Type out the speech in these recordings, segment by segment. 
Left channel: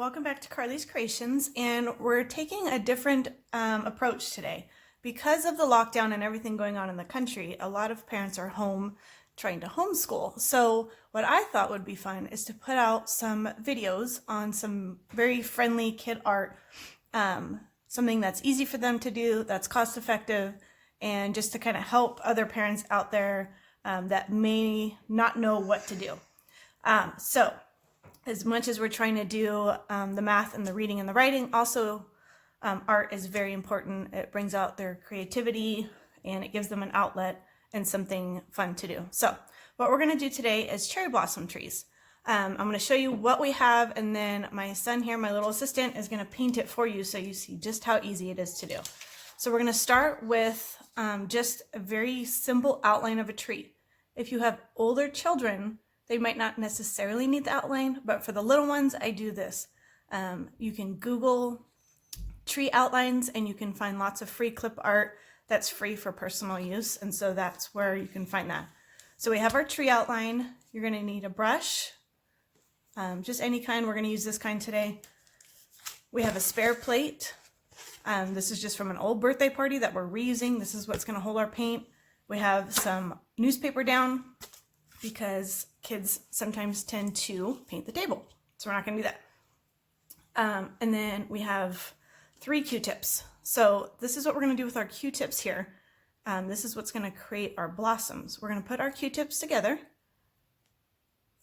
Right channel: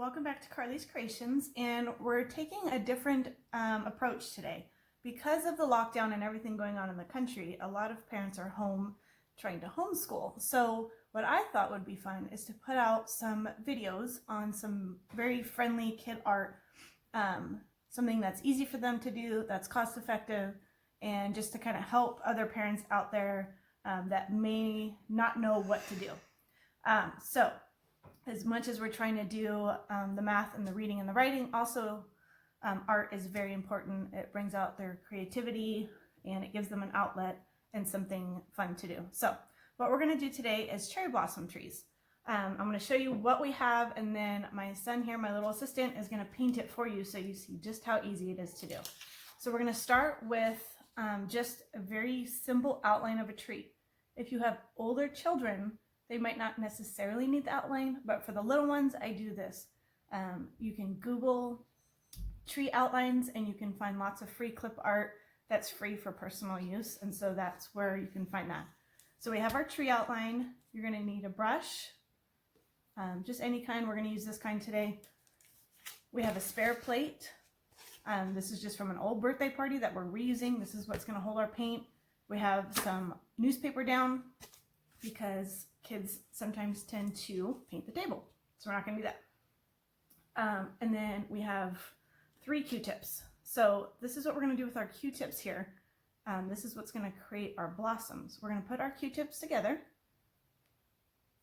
welcome back to Carly's Creations, and we're taking a different approach today. Because of the lockdown and everything going on in the country, a lot of parents are home trying to homeschool. So what I thought would be fun is to put out some videos on some very friendly kid art, something that's easy for them to do, that's cost effective, and just to kind of help other parents out there that may not know what to do. So as much as we're trying to do the math and the reading and the writing, also art is very important. It brings out their creativity and it gives them an outlet and something fun to do. So what we're going to do today is cherry blossom trees. I'm going to show you what we have, and then my son here, my little assistant, is going to paint it for you so you see just how easy it is to do. So we're going to start with just a very simple outline of a tree. If you have older children, they might not necessarily need the outline, but for the little ones, I do this. You can Google tree outlines and you can find lots of free clip art that's free for personal use, and so that's where you can find that. So we have our tree outline. You're going to need a brush, just any kind. We're going to use this kind today. We have a spare plate. This is just from an old birthday party that we're reusing. This is what's going to hold our paint. We have some newspaper down because kids sometimes tend to paint the table, so we're not going to do that. And then we have 3 Q-tips. So this is what we're going to do with our Q-tips here. This is what's going to create our blossoms. We're going to put our Q-tips together,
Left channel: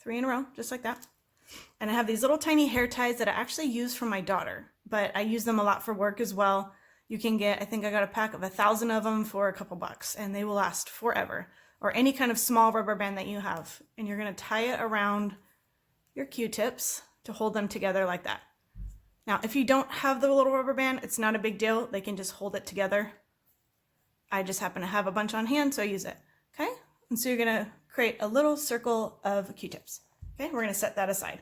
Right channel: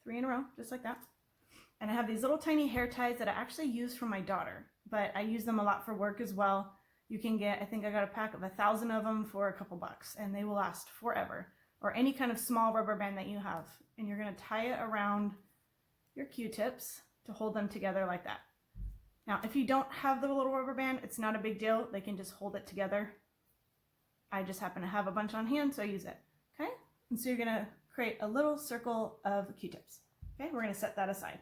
3 in a row, just like that. And I have these little tiny hair ties that I actually use for my daughter, but I use them a lot for work as well. You can get, I think I got a pack of 1,000 of them for a couple bucks, and they will last forever. Or any kind of small rubber band that you have. And you're going to tie it around your Q-tips to hold them together like that. Now, if you don't have the little rubber band, it's not a big deal. They can just hold it together. I just happen to have a bunch on hand, so I use it. Okay? And so you're going to create a little circle of Q-tips. Okay? We're going to set that aside.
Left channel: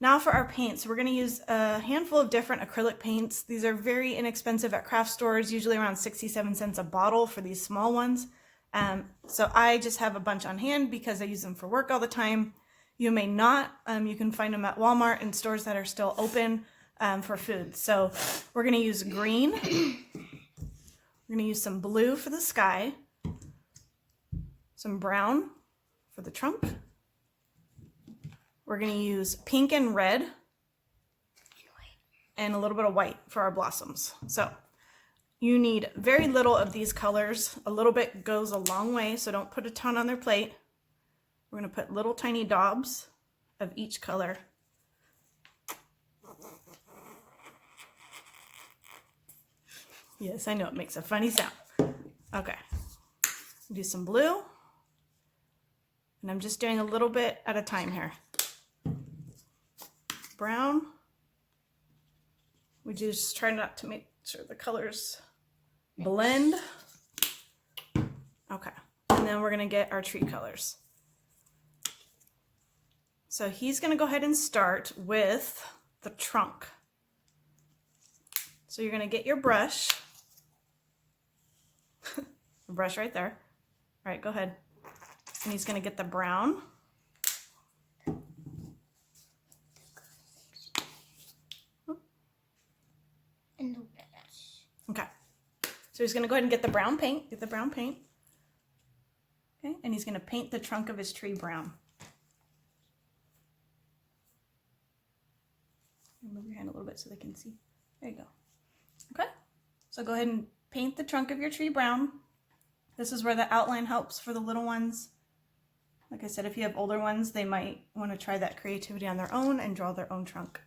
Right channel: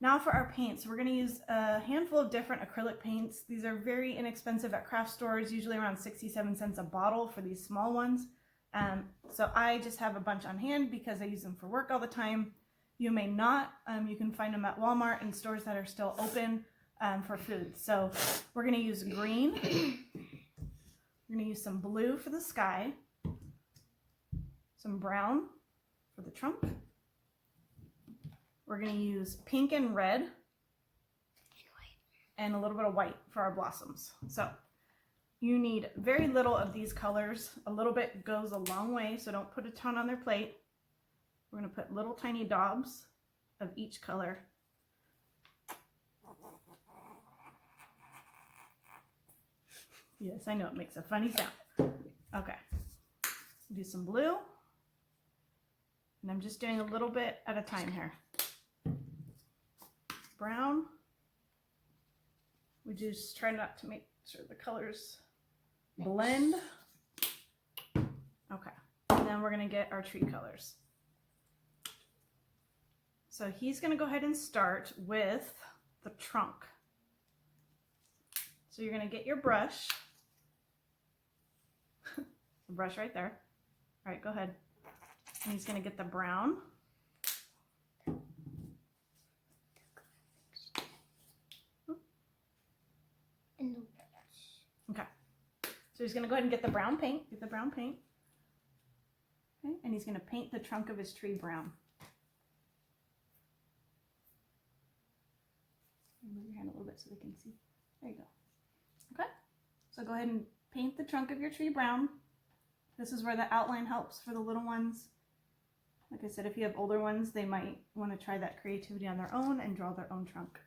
Now for our paints, we're going to use a handful of different acrylic paints. These are very inexpensive at craft stores, usually around 67 cents a bottle for these small ones. So I just have a bunch on hand because I use them for work all the time. You may not. You can find them at Walmart and stores that are still open for food. So we're going to use green. We're going to use some blue for the sky, some brown for the trunk. We're going to use pink and red and a little bit of white for our blossoms. So you need very little of these colors. A little bit goes a long way, so don't put a ton on their plate. We're going to put little tiny daubs of each color. Yes, I know it makes a funny sound. Okay, do some blue. And I'm just doing a little bit at a time here. Brown. We just try not to make sure the colors blend. Okay, and then we're going to get our tree colors. So he's going to go ahead and start with the trunk. So you're going to get your brush. The brush right there. All right, go ahead. And he's going to get the brown. Okay. So he's going to go ahead and get the brown paint. Get the brown paint. Okay, and he's going to paint the trunk of his tree brown. Move your hand a little bit so they can see. There you go. Okay. So go ahead and paint the trunk of your tree brown. This is where the outline helps for the little ones. Like I said, if you have older ones, they might want to try that creativity on their own and draw their own trunk.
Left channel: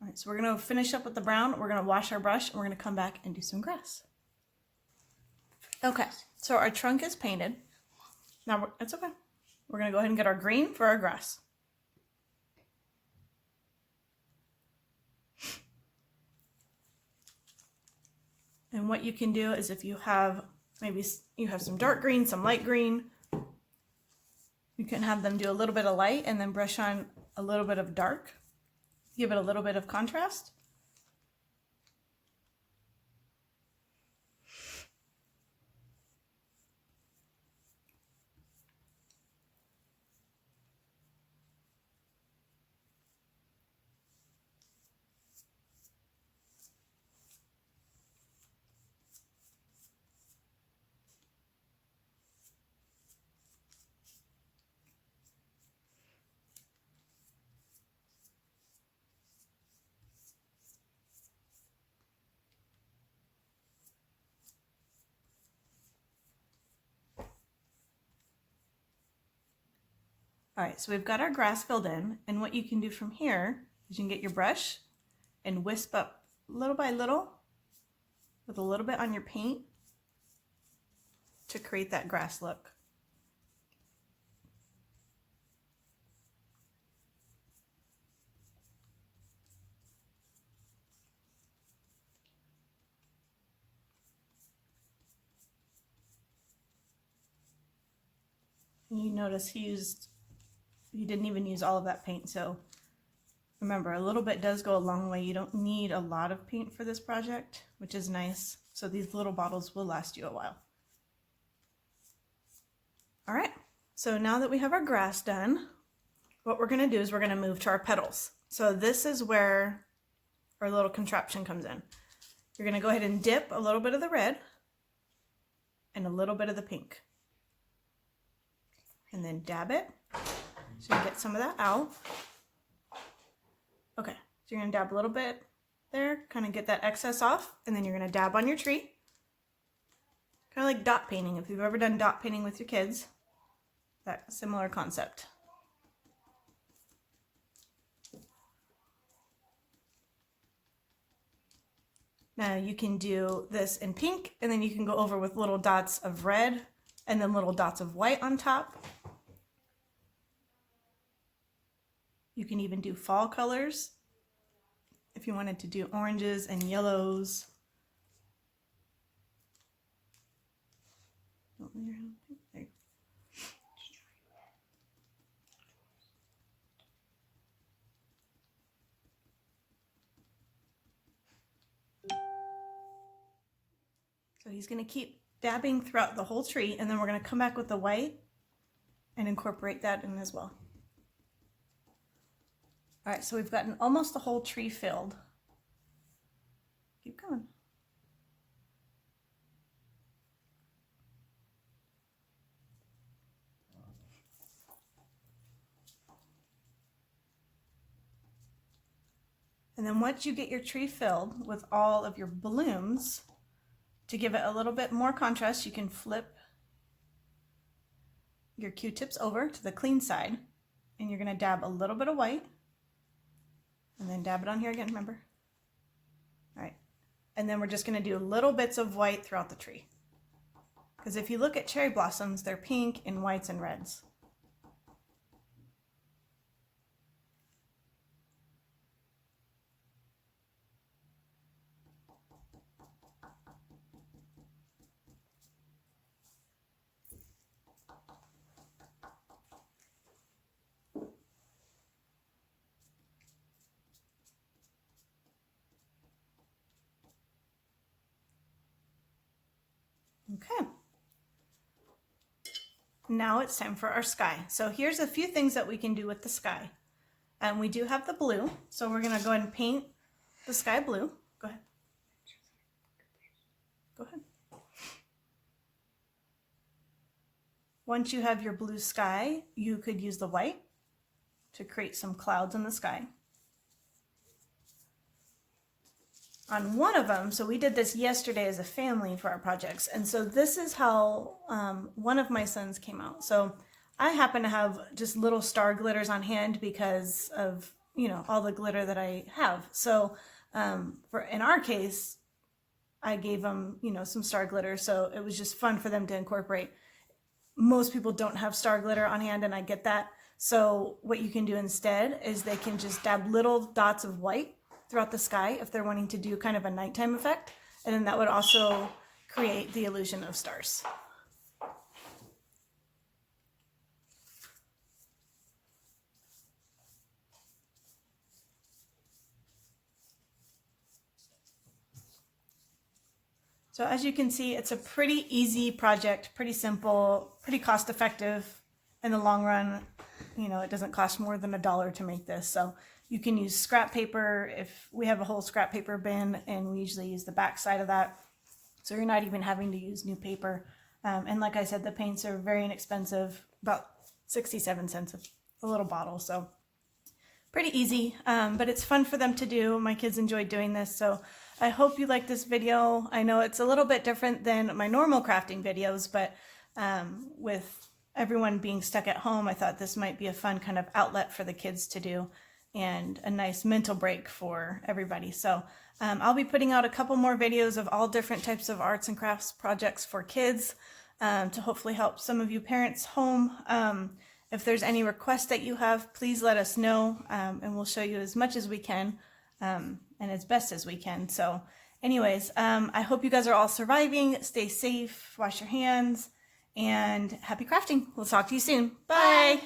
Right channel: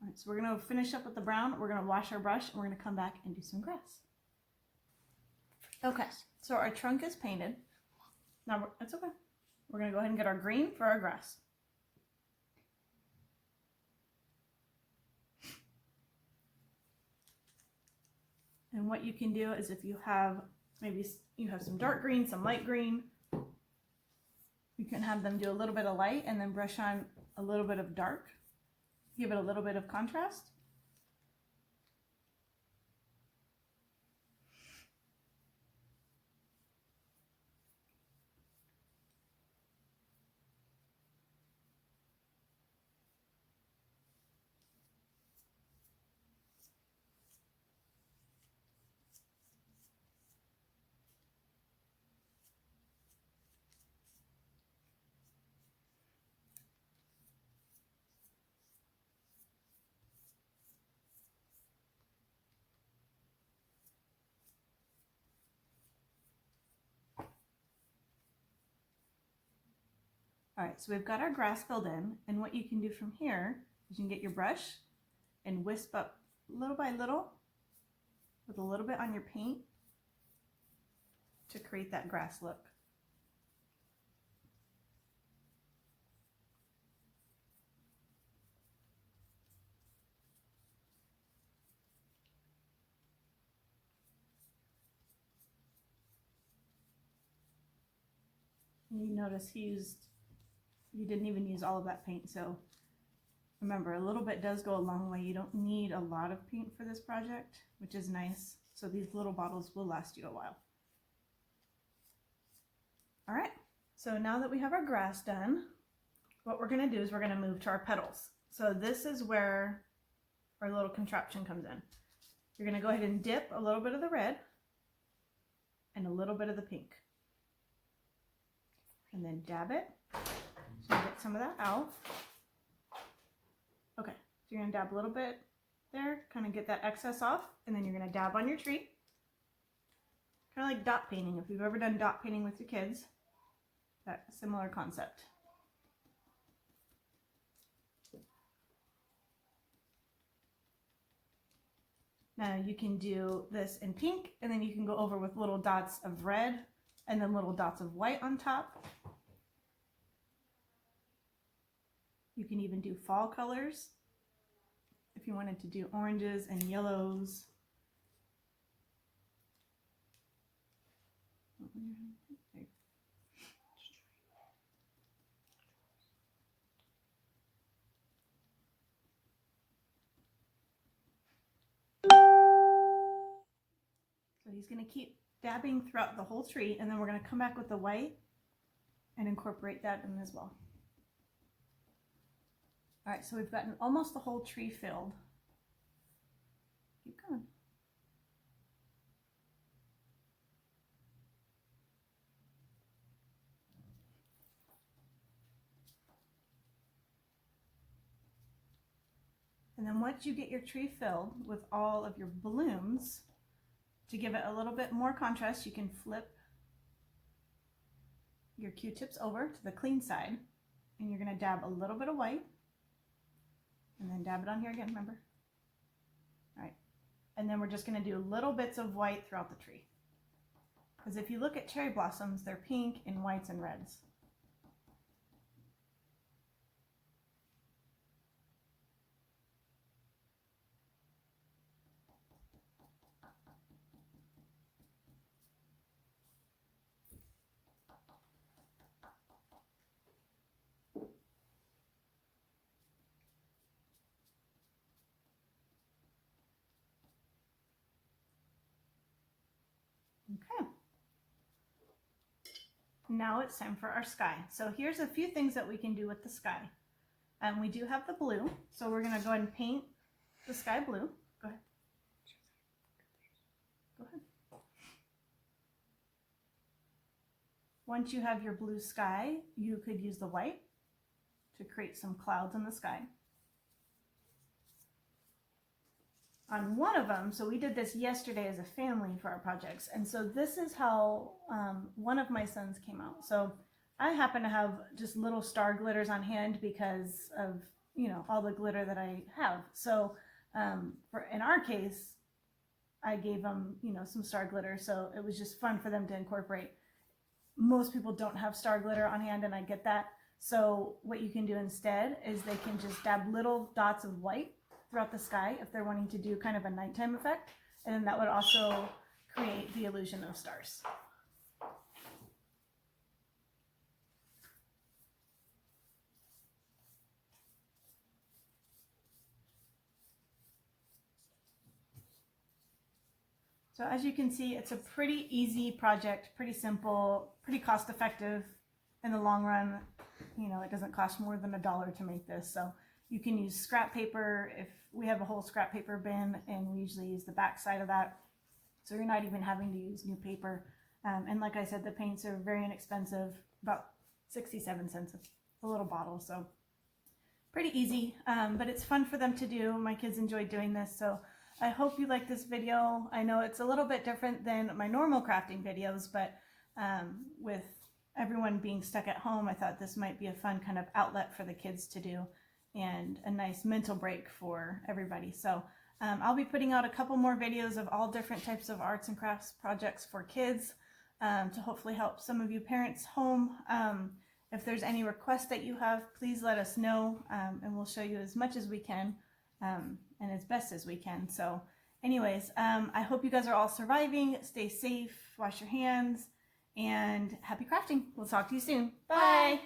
All right, so we're going to finish up with the brown. We're going to wash our brush and we're going to come back and do some grass. Okay, so our trunk is painted. Now, it's okay. We're going to go ahead and get our green for our grass. And what you can do is if you have, maybe you have some dark green, some light green, you can have them do a little bit of light and then brush on a little bit of dark. Give it a little bit of contrast. All right, so we've got our grass filled in, and what you can do from here is you can get your brush and wisp up little by little with a little bit on your paint to create that grass look. You notice he didn't even use all of that paint, so remember, a little bit does go a long way. You don't need a lot of paint for this project, which is nice. So these little bottles will last you a while. All right, so now that we have our grass done, what we're gonna do is we're gonna move to our petals. So this is where our little contraption comes in. You're gonna go ahead and dip a little bit of the red and a little bit of the pink. And then dab it, so you get some of that out. Okay, so you're gonna dab a little bit there, kind of get that excess off, and then you're gonna dab on your tree. Kind of like dot painting, if you've ever done dot painting with your kids, that similar concept. Now you can do this in pink, and then you can go over with little dots of red, and then little dots of white on top. You can even do fall colors if you wanted to do oranges and yellows. So he's going to keep dabbing throughout the whole tree, and then we're going to come back with the white and incorporate that in as well. All right, so we've gotten almost the whole tree filled. Keep going. And then once you get your tree filled with all of your balloons, to give it a little bit more contrast, you can flip your Q-tips over to the clean side, and you're going to dab a little bit of white. And then dab it on here again, remember? All right. And then we're just going to do little bits of white throughout the tree. Because if you look at cherry blossoms, they're pink and whites and reds. Okay. Now it's time for our sky. So here's a few things that we can do with the sky. We do have the blue, so we're going to go ahead and paint the sky blue. Go ahead. Go ahead. Once you have your blue sky, you could use the white to create some clouds in the sky. On one of them, so we did this yesterday as a family for our projects, and so this is how one of my sons came out. So I happen to have just little star glitters on hand because of, you know, all the glitter that I have. So in our case, I gave them, you know, some star glitter, so it was just fun for them to incorporate. Most people don't have star glitter on hand, and I get that. So what you can do instead is they can just dab little dots of white throughout the sky if they're wanting to do kind of a nighttime effect, and then that would also create the illusion of stars. So as you can see, it's a pretty easy project, pretty simple, pretty cost effective in the long run. You know, it doesn't cost more than $1 to make this. So you can use scrap paper. If we have a whole scrap paper bin, and we usually use the back side of that. So you're not even having to use new paper. And like I said, the paints are very inexpensive, about 67 cents a little bottle. So pretty easy, but it's fun for them to do. My kids enjoyed doing this. So I hope you like this video. I know it's a little bit different than my normal crafting videos, but with everyone being stuck at home, I thought this might be a fun kind of outlet for the kids to do and a nice mental break for everybody. So I'll be putting out a couple more videos of all different types of arts and crafts projects for kids to hopefully help some of you parents home. If there's any requests that you have, please let us know, and we'll show you as much as we can and as best as we can. So anyways, I hope you guys are all surviving. Stay safe, wash your hands, and happy crafting. We'll talk to you soon. Bye.